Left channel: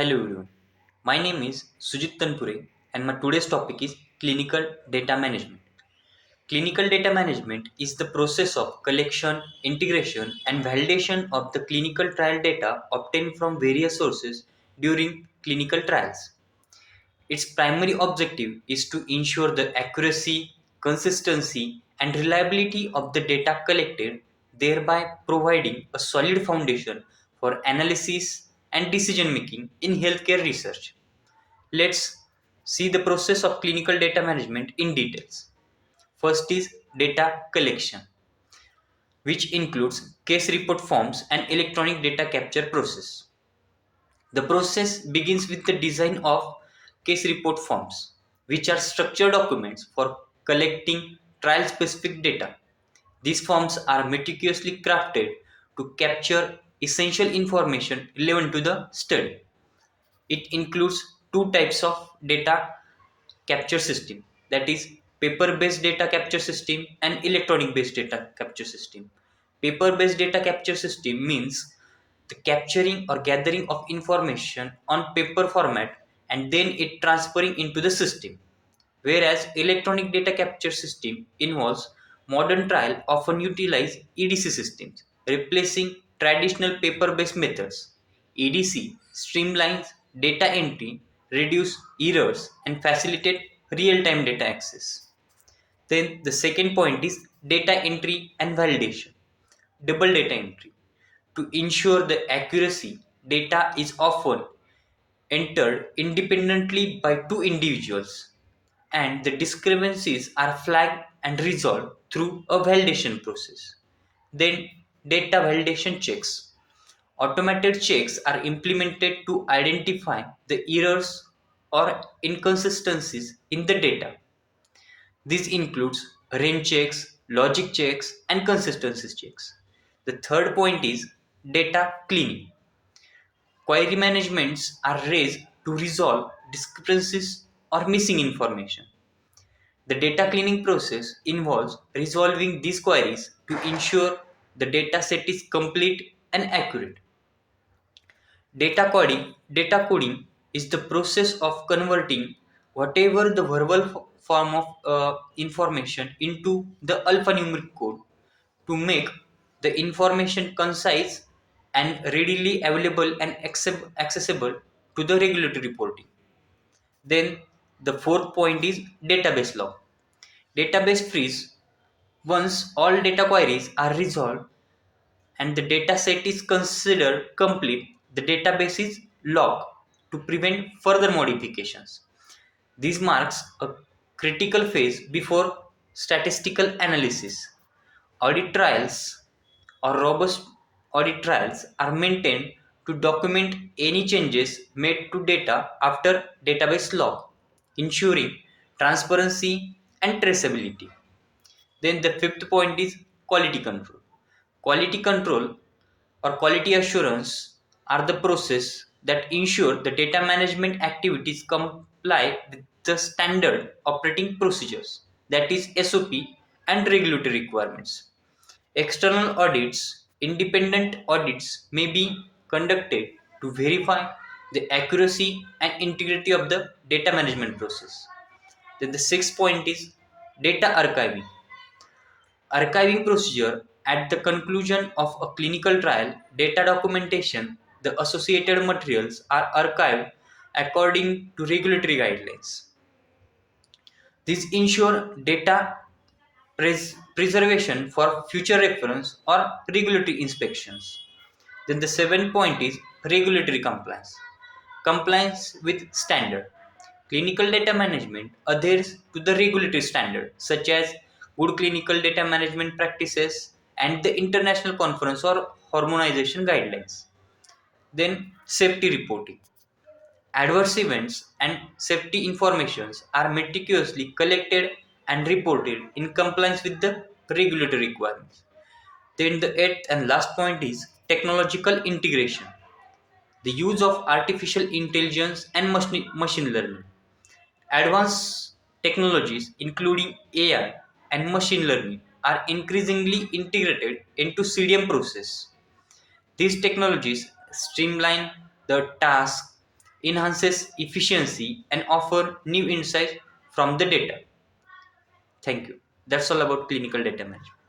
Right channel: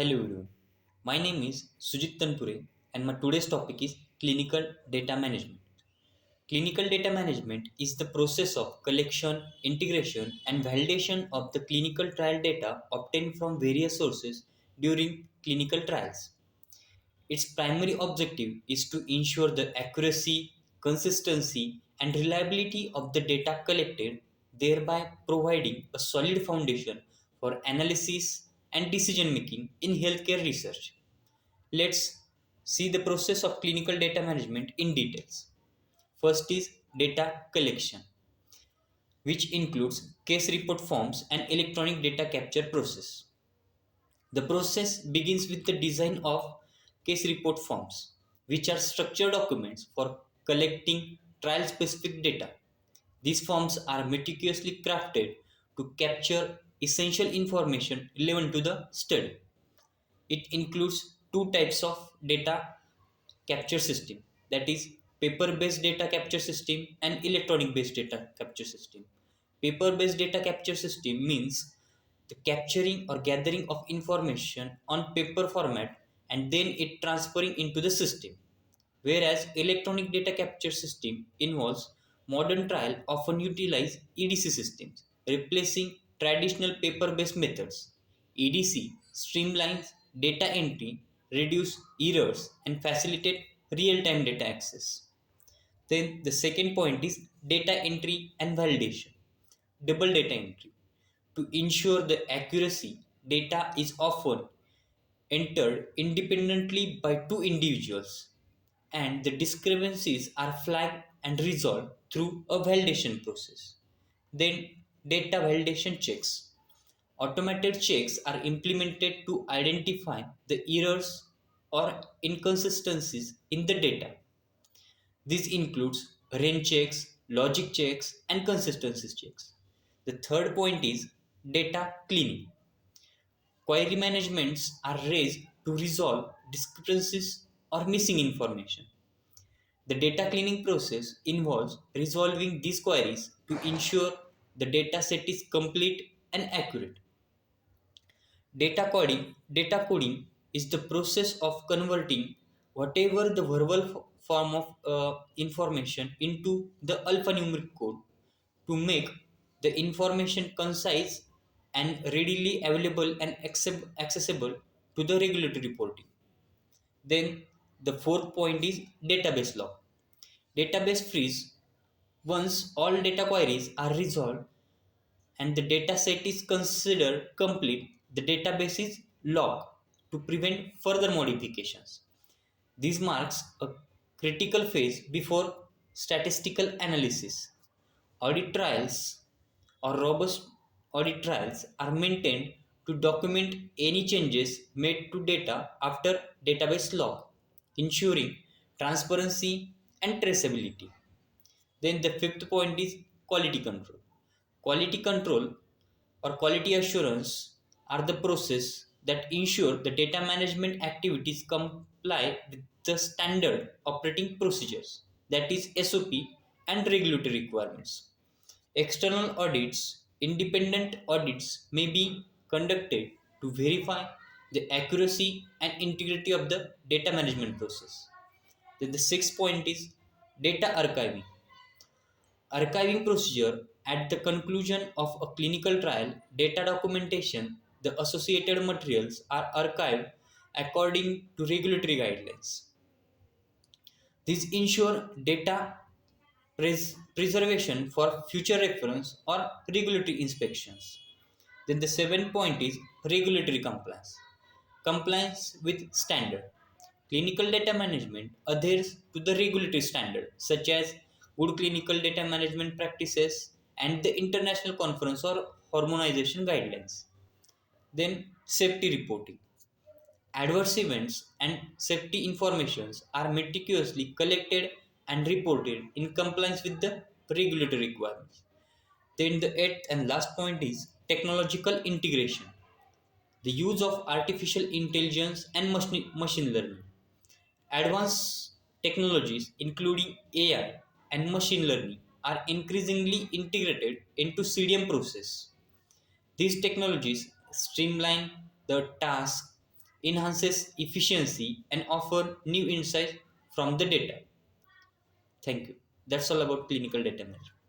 Hello everyone. My name is Sujit Tanpure and my today's topic is clinical data management. Clinical data management is the process of collection, integration and validation of the clinical trial data obtained from various sources during clinical trials. Its primary objective is to ensure the accuracy, consistency and reliability of the data collected, thereby providing a solid foundation for analysis and decision making in healthcare research. Let's see the process of clinical data management in details. First is data collection, which includes case report forms and electronic data capture process. The process begins with the design of case report forms, which are structured documents for collecting trial specific data. These forms are meticulously crafted to capture essential information relevant to the study. It includes two types of data capture system, that is paper based data capture system and electronic based data capture system. Paper based data capture system means the capturing or gathering of information on paper format and then it transferring into the system, whereas electronic data capture system involves modern trial often utilize EDC systems, replacing traditional paper-based methods. EDC streamlines data entry, reduce errors, and facilitate real-time data access. Then the second point is data entry and validation. Double data entry. To ensure the accuracy, data is often entered independently by two individuals and the discrepancies are flagged and resolved through a validation process. Then, data validation checks. Automated checks are implemented to identify the errors or inconsistencies in the data. This includes range checks, logic checks, and consistency checks. The third point is data cleaning. Query managements are raised to resolve discrepancies or missing information. The data cleaning process involves resolving these queries to ensure the data set is complete and accurate. Data coding is the process of converting whatever the verbal form of information into the alphanumeric code to make the information concise and readily available and accessible to the regulatory reporting. Then the fourth point is database log. Database freeze. Once all data queries are resolved and the data set is considered complete, the database is logged to prevent further modifications. This marks a critical phase before statistical analysis. Audit trials or robust audit trials are maintained to document any changes made to data after database log, ensuring transparency and traceability. Then the fifth point is quality control. Quality control or quality assurance are the process that ensure the data management activities comply with the standard operating procedures, that is SOP, and regulatory requirements. External audits, independent audits may be conducted to verify the accuracy and integrity of the data management process. Then the sixth point is data archiving. Archiving procedure at the conclusion of a clinical trial, data documentation, the associated materials are archived according to regulatory guidelines. These ensure data preservation for future reference or regulatory inspections. Then the seventh point is regulatory compliance. Compliance with standard. Clinical data management adheres to the regulatory standard such as good clinical data management practices and the international conference or harmonization guidelines. Then safety reporting. Adverse events and safety informations are meticulously collected and reported in compliance with the regulatory requirements. Then the eighth and last point is technological integration. The use of artificial intelligence and machine learning. Advanced technologies, including AI and machine learning, are increasingly integrated into CDM process. These technologies streamline the task, enhances efficiency, and offer new insights from the data. Thank you. That's all about clinical data management.